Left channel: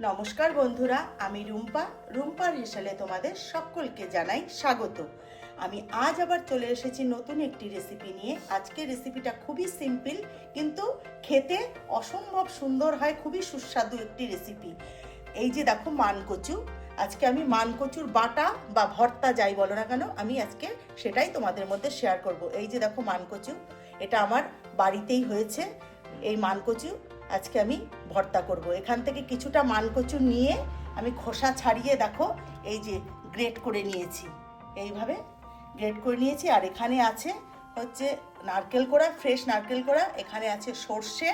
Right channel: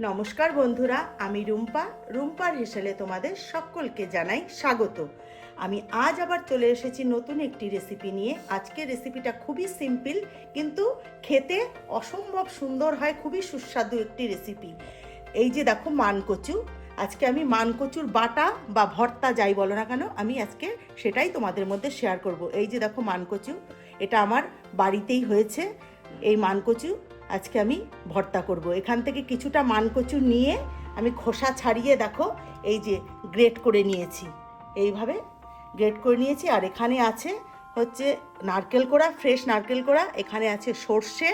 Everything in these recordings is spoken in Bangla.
নমস্কার বন্ধুরা, আমি রুম্পা। রুম্পার হেসেলে তোমাদের সকলকে জানাই স্বাগত। আমি আজ আবার চলে এসেছি নতুন একটি রেসিপি নিয়ে। আজকের রেসিপিটা খুবই সিম্পল কিন্তু খেতে অসম্ভব সুন্দর হয়, খুবই সুস্বাদু একটি রেসিপি এই যে দেখো মানকচু, আজকে আমি মানকচুর বাটা বা ভর্তা যাই বলো না কেন, আমি আজকে সেটাই তোমাদের মধ্যে শেয়ার করব। এই যে দেখো মানকচু, এটা আমার বাড়িতেই হয়েছে, এই মানকচু। আজকে আমি ভর্তা করব। এখান থেকে কিছুটা মানকচু নিয়ে আমি খোসা ছাড়িয়ে দেখো, এই যে গ্রেট করে নিয়েছি। এইভাবে গ্রেট করে নিয়েছি আর এখানে আছে হচ্ছে নারকেল কোড়া ফ্রেশ নারকেল কোড়া, এখানে আছে সর্ষে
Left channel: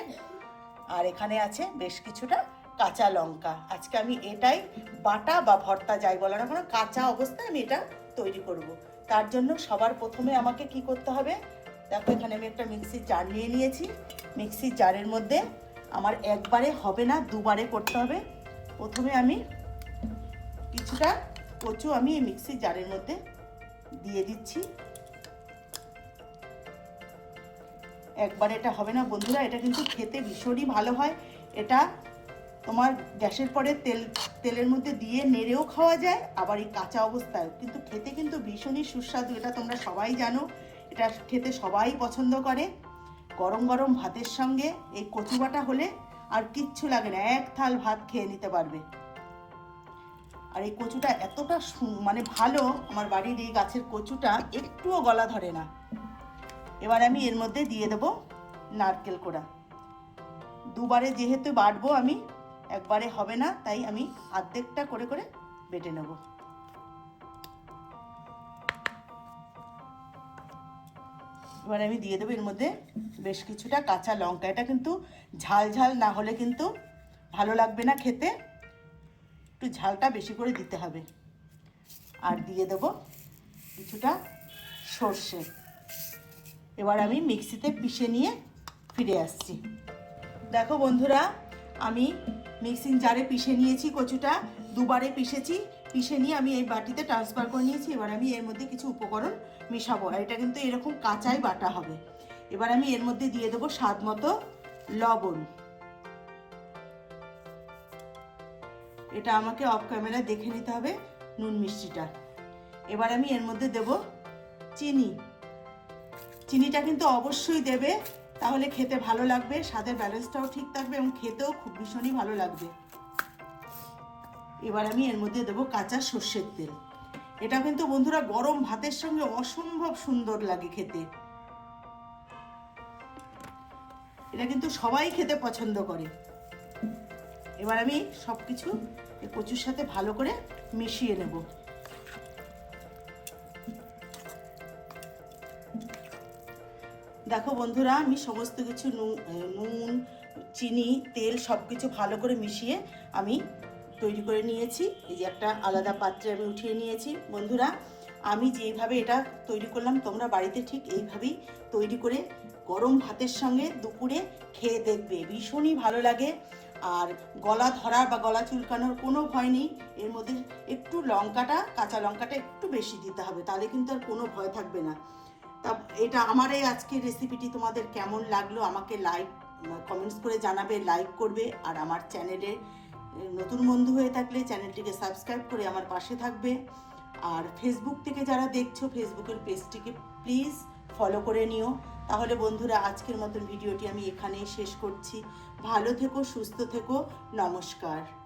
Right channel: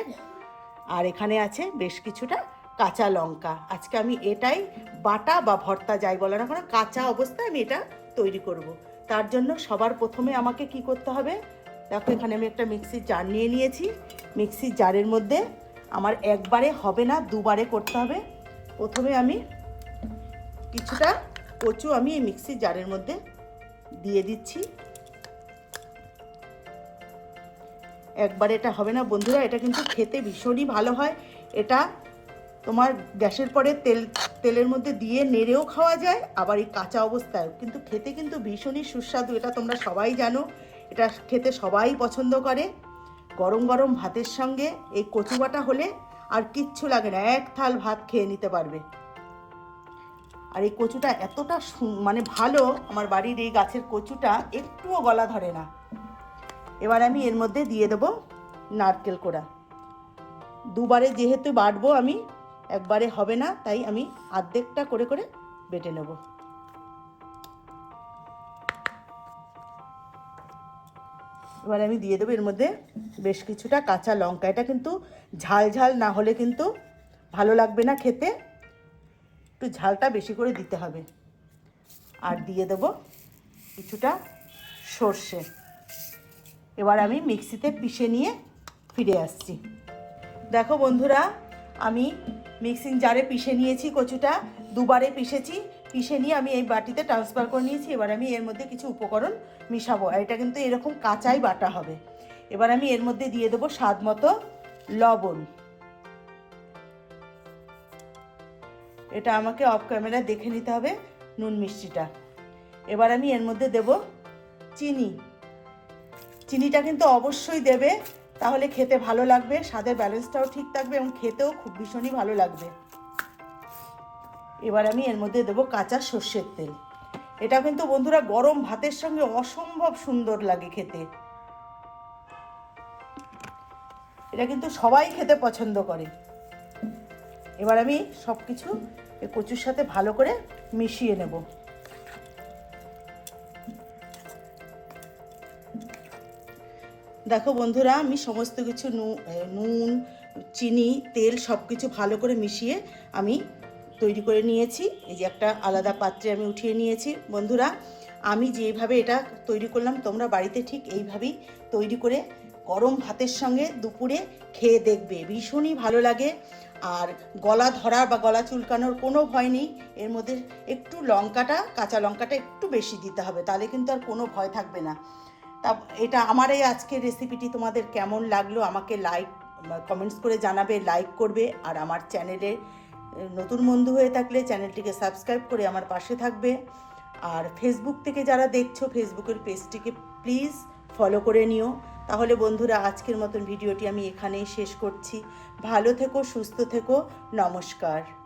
আর এখানে আছে বেশ কিছুটা কাঁচা লঙ্কা। আজকে আমি এটাই বাটা বা ভর্তা যাই বলো না কেন, কাঁচা অবস্থায় আমি এটা তৈরি করব। তার জন্য সবার প্রথমে আমাকে কি করতে হবে, দেখো এখানে আমি একটা মিক্সির জার নিয়ে নিয়েছি। মিক্সির জারের মধ্যে আমার একবারে হবে না, দুবারে করতে হবে। প্রথমে আমি কিছুটা কচু আমি এই মিক্সির জারের মধ্যে দিয়ে দিচ্ছি। একবারে এটা হবে না, বন্ধুরা, এটা কিন্তু খেতে ভীষণই ভালো হয়। এটা তোমার গ্যাসের পরে তেল, তেলের মধ্যে দিয়ে নেড়েও খাওয়া যায়, আবার এই কাঁচা অবস্থায়। কিন্তু খেতে কিন্তু ভীষণই সুস্বাদু, এটা তোমরা সবাই জানো। এটা খেতে সবাই পছন্দ করে। গরম গরম ভাতের সঙ্গে এই কচু বাটা হলে আর কিচ্ছু লাগে না, এক থাল ভাত খেয়ে নিতে পারবে। আর এই কচুটা এতটা মানে ভালো, আমার বাড়ির এই গাছের কচুটা একটুও গলা ধরে না। এবার আমি এর মধ্যে দিয়ে দেবো নারকেল কোড়া। দুবারে যেহেতু বাটবো আমি, একবারে হবে না, তাই আমি আর্ধেকটা করে করে বেটে নেব। এবার আমি দিয়ে দেবো। এর মধ্যে বেশ কিছুটা কাঁচা লঙ্কা। এটা কিন্তু ঝাল ঝাল না হলে কিন্তু ভালো লাগবে না খেতে। একটু ঝালটা বেশি করে দিতে হবে। আর দিয়ে দেবো কিছুটা সর্ষে। এবার আমি মিক্সিতে পিষে নিয়ে ফিরে আসছি। দেখো বন্ধুরা, আমি মিক্সিং জারে পিষে নিয়েছি কচুটা। দুবারে পিষেছি। পিষে নিয়ে আমি এই বাটিতে ট্রান্সফার করে নিয়েছি, এবার আমি এর মধ্যে কিছু উপকরণ মিশাবো। আর এটা কিন্তু এরকম কাঁচাই বাটা হবে। এবার আমি এর মধ্যে দিয়ে দেবো স্বাদ মতো লবণ। এটা আমাকে অফ ক্যামেরা দেখে নিতে হবে নুন মিষ্টিটা। এবার আমি এর মধ্যে দেব চিনি। চিনিটা কিন্তু অবশ্যই দেবে, তাহলে খেতে ভালো লাগবে, স্বাদের ব্যালেন্সটাও ঠিক থাকবে এবং খেতেও খুব ভীষণই ভালো লাগবে। এবার আমি এর মধ্যে দেবো কাঁচা সর্ষের তেল। এটা কিন্তু বন্ধুরা গরম ভাতের সঙ্গে অসম্ভব সুন্দর লাগে খেতে। এটা কিন্তু সবাই খেতে পছন্দ করে। এবার আমি সব কিছু কচুর সাথে ভালো করে মিশিয়ে নেব। দেখো বন্ধুরা, আমি সমস্ত কিছু নুন, চিনি, তেল সব কিছু ভালো করে মিশিয়ে আমি তৈরি করে নিয়েছি। এই যে একটা আলাদা পাত্রে আমি উঠিয়ে নিয়েছি। বন্ধুরা, আমি যেভাবে এটা তৈরি করলাম, তোমরা বাড়িতে ঠিক এইভাবেই তৈরি করে গরম ভাতের সঙ্গে দুপুরে খেয়ে দেখবে। ভীষণই ভালো লাগে। আর গলা ধরার বা গলা চুলকানোর কোনো ভয় নেই। এর মধ্যে একটু লঙ্কাটা, কাঁচা লঙ্কাটা একটু বেশি দিতে হবে, তাহলে কিন্তু আর কোনো ভয় থাকবে না। তা এটা আমার এই আজকের রেসিপিটি তোমাদের কেমন লাগল, আমাকে লাইক কমেন্টস করে জানাবে লাইক করবে, আর আমার চ্যানেলে নতুন বন্ধু হয়ে থাকলে চ্যানেলটিকে সাবস্ক্রাইব করে আমার পাশে থাকবে। আর ফেসবুক থেকে যারা দেখছ ফেসবুকের পেজটিকে প্লিজ ফলো করে নিও। তাহলে বন্ধুরা, আজকের মতন ভিডিওটি আমি এখানেই শেষ করছি। ভালো থেকো, সুস্থ থেকো, নমস্কার।